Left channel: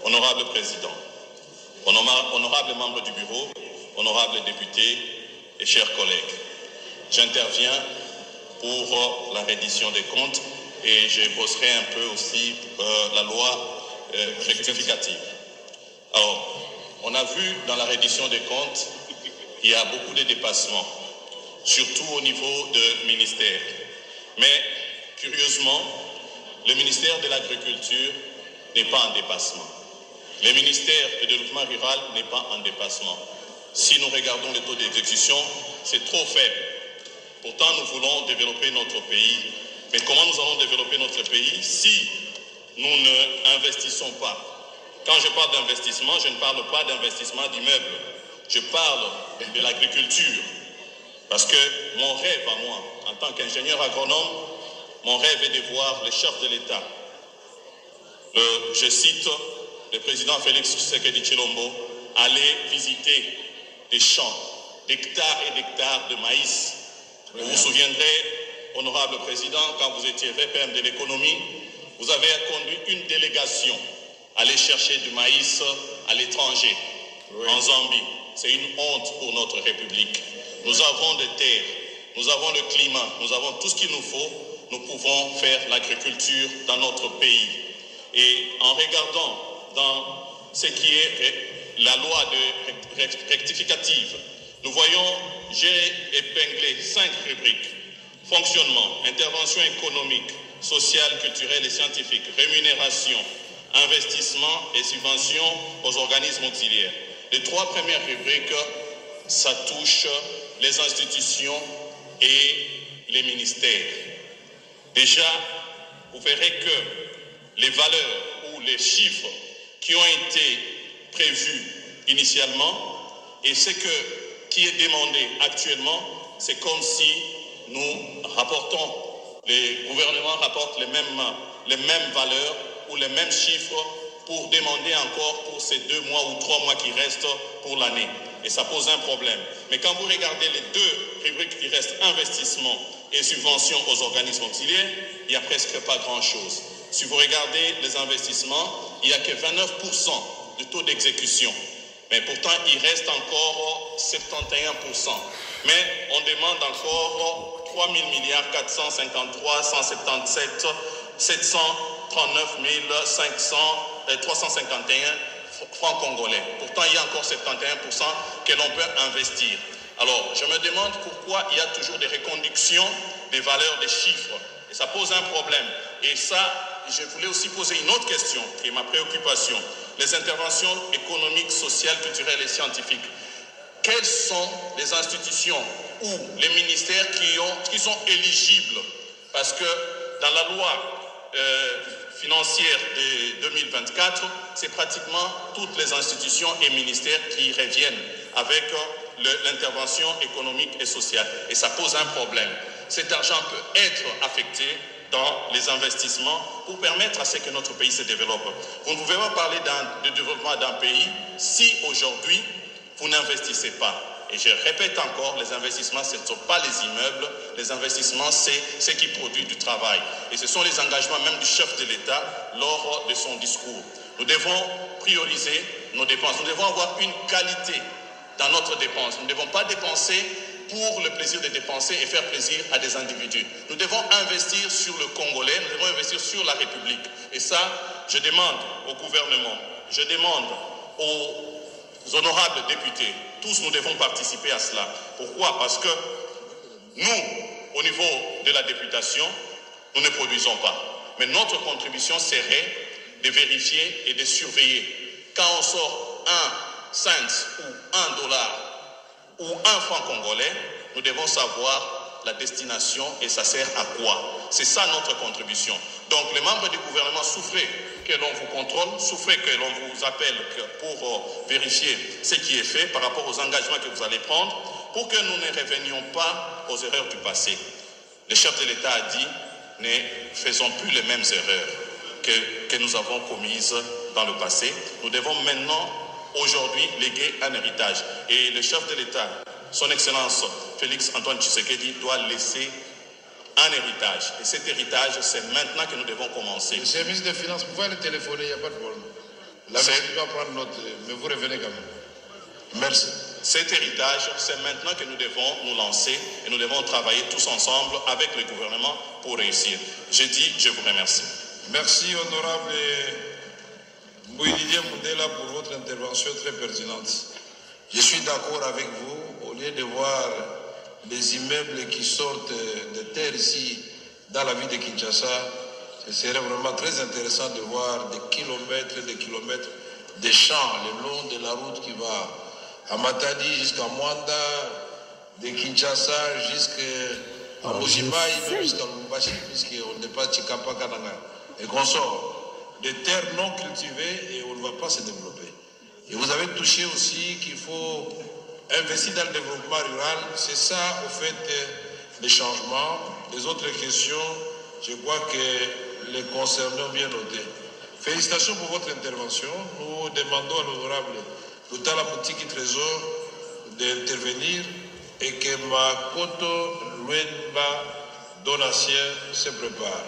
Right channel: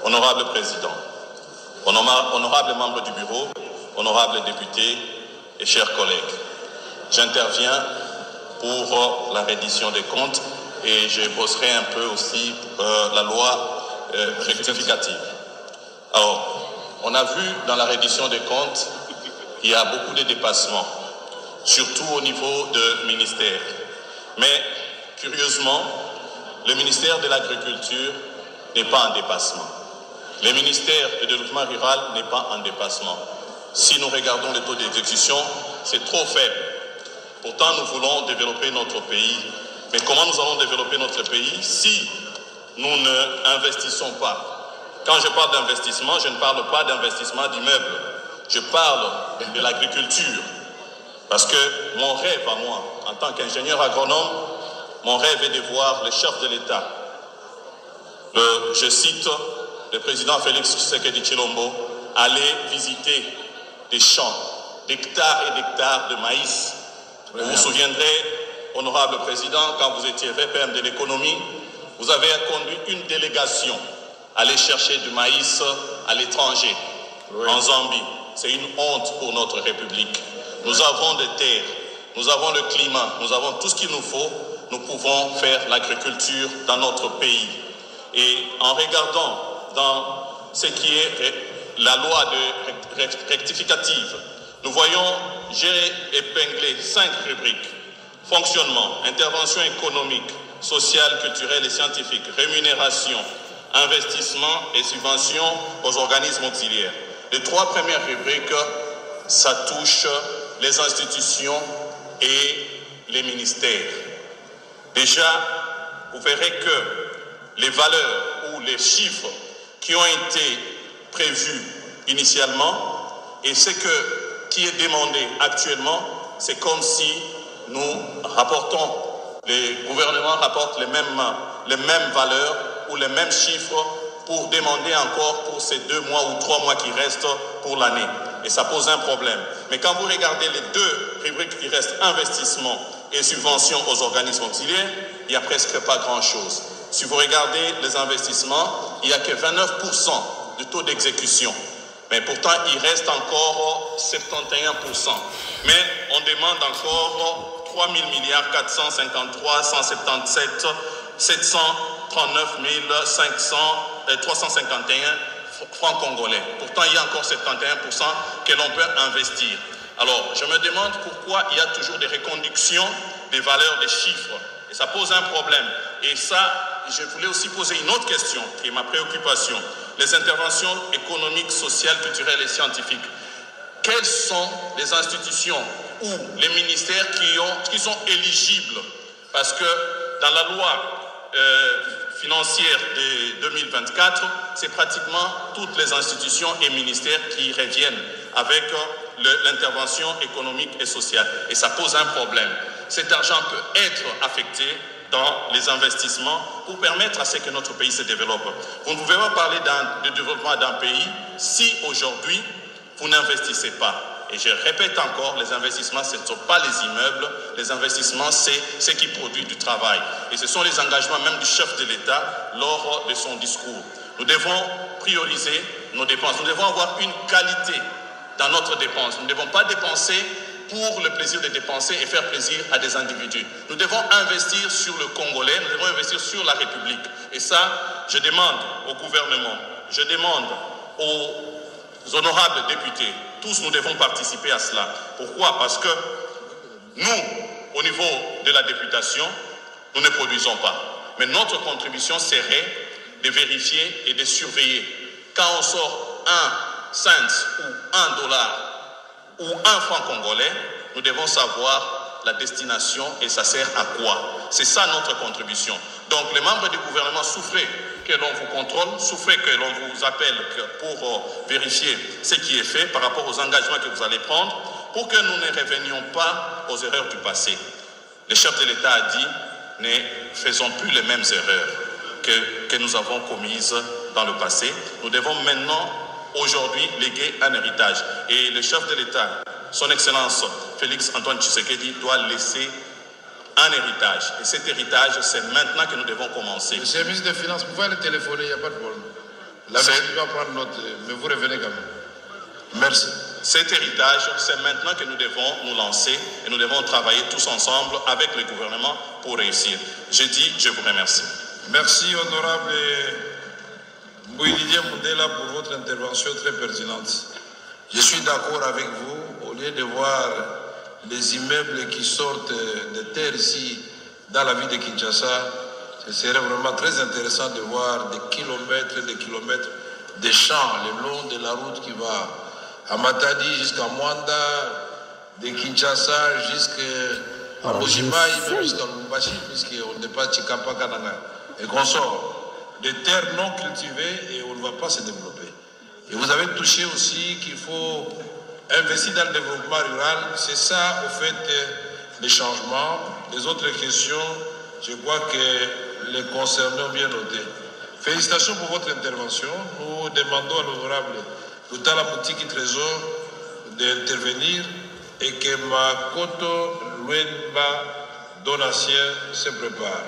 Honorable Président, honorables membres du bureau, honorables députés et chers collègues, j'interviens pour la reddition des comptes et je bosserai un peu aussi la loi rectificative. Alors, on a vu dans la reddition des comptes, il y a beaucoup de dépassements, surtout au niveau de ministères. Mais, curieusement, le ministère de l'Agriculture n'est pas en dépassement. Le ministère du Développement rural n'est pas en dépassement. Si nous regardons le taux d'exécution, c'est trop faible. Pourtant, nous voulons développer notre pays. Mais comment nous allons développer notre pays si nous n'investissons pas? Quand je parle d'investissement, je ne parle pas d'investissement d'immeubles. Je parle de l'agriculture. Parce que mon rêve à moi, en tant qu'ingénieur agronome, mon rêve est de voir le chef de l'État, je cite le président Félix Tshisekedi Tshilombo, aller visiter des champs d'hectares et d'hectares de maïs. Vous vous souviendrez, honorable président, quand vous étiez VPM de l'économie, vous avez conduit une délégation aller chercher du maïs à l'étranger, en Zambie. C'est une honte pour notre République. Nous avons des terres, nous avons le climat, nous avons tout ce qu'il nous faut. Nous pouvons faire l'agriculture dans notre pays. Et en regardant dans ce qui est la loi rectificative, nous voyons, j'ai épinglé 5 rubriques. Fonctionnement, intervention économique, sociale, culturelle et scientifique, rémunération, investissement et subvention aux organismes auxiliaires. Les 3 premières rubriques, ça touche les institutions et les ministères. Déjà, vous verrez que les valeurs ou les chiffres qui ont été prévus initialement et ce qui est demandé actuellement, c'est comme si nous rapportons, les gouvernements rapportent les mêmes valeurs ou les mêmes chiffres pour demander encore pour ces 2 mois ou 3 mois qui restent pour l'année. Et ça pose un problème. Mais quand vous regardez les 2 rubriques qui restent, investissement et subventions aux organismes auxiliaires, il n'y a presque pas grand-chose. Si vous regardez les investissements, il n'y a que 29% de taux d'exécution. Mais pourtant, il reste encore 71%. Mais on demande encore 3 000 milliards 453 177 739 351 francs congolais. Pourtant, il y a encore 71% que l'on peut investir. Alors, je me demande pourquoi il y a toujours des reconductions des valeurs des chiffres. Et ça pose un problème. Et ça, je voulais aussi poser une autre question, qui est ma préoccupation. Les interventions économiques, sociales, culturelles et scientifiques. Quelles sont les institutions ou les ministères qui sont éligibles? Parce que dans la loi financière de 2024, c'est pratiquement toutes les institutions et ministères qui reviennent avec l'intervention économique et sociale. Et ça pose un problème. Cet argent peut être affecté dans les investissements pour permettre à ce que notre pays se développe. Vous ne pouvez pas parler de développement d'un pays si aujourd'hui vous n'investissez pas. Et je répète encore, les investissements, ce ne sont pas les immeubles, les investissements, c'est ce qui produit du travail. Et ce sont les engagements même du chef de l'État lors de son discours. Nous devons prioriser nos dépenses, nous devons avoir une qualité dans notre dépense. Nous ne devons pas dépenser pour le plaisir de dépenser et faire plaisir à des individus. Nous devons investir sur le Congolais, nous devons investir sur la République. Et ça, je demande au gouvernement, je demande aux honorables députés, tous nous devons participer à cela. Pourquoi? Parce que nous, au niveau de la députation, nous ne produisons pas. Mais notre contribution serait de vérifier et de surveiller. Quand on sort 1 cent ou 1 dollar ou 1 franc congolais, nous devons savoir la destination et ça sert à quoi. C'est ça notre contribution. Donc les membres du gouvernement, souffrez que l'on vous contrôle, souffrez que l'on vous appelle pour vérifier ce qui est fait par rapport aux engagements que vous allez prendre, pour que nous ne revenions pas aux erreurs du passé. Le chef de l'État a dit, ne faisons plus les mêmes erreurs que nous avons commises dans le passé. Nous devons maintenant, aujourd'hui, léguer un héritage. Et le chef de l'État, son Excellence Félix Antoine Tshisekedi, doit laisser un héritage. Et cet héritage, c'est maintenant que nous devons commencer. Le service des finances, vous pouvez le téléphoner, il n'y a pas de problème. La Belgique va prendre note, mais vous revenez quand même. Merci. Cet héritage, c'est maintenant que nous devons nous lancer et nous devons travailler tous ensemble avec le gouvernement pour réussir. Je vous remercie. Merci, honorable Mbouididier Mundela, pour votre intervention très pertinente. Je suis d'accord avec vous. Au lieu de voir les immeubles qui sortent de terre ici, dans la ville de Kinshasa, ce serait vraiment très intéressant de voir des kilomètres de champs le long de la route qui va à Matadi jusqu'à Mwanda, de Kinshasa jusqu'à Mojimaï, même jusqu'à Lumbashi, puisqu'on n'est pas Chikapa Kananga. Et qu'on sort des terres non cultivées et on ne va pas se développer. Et vous avez touché aussi qu'il faut investir dans le développement rural. C'est ça, au fait, les changements. Les autres questions, je crois que les concernés ont bien noté. Félicitations pour votre intervention. Nous demandons à l'honorable Loutala Moutiki Trésor d'intervenir et que Makoto Luenba Donatien se prépare.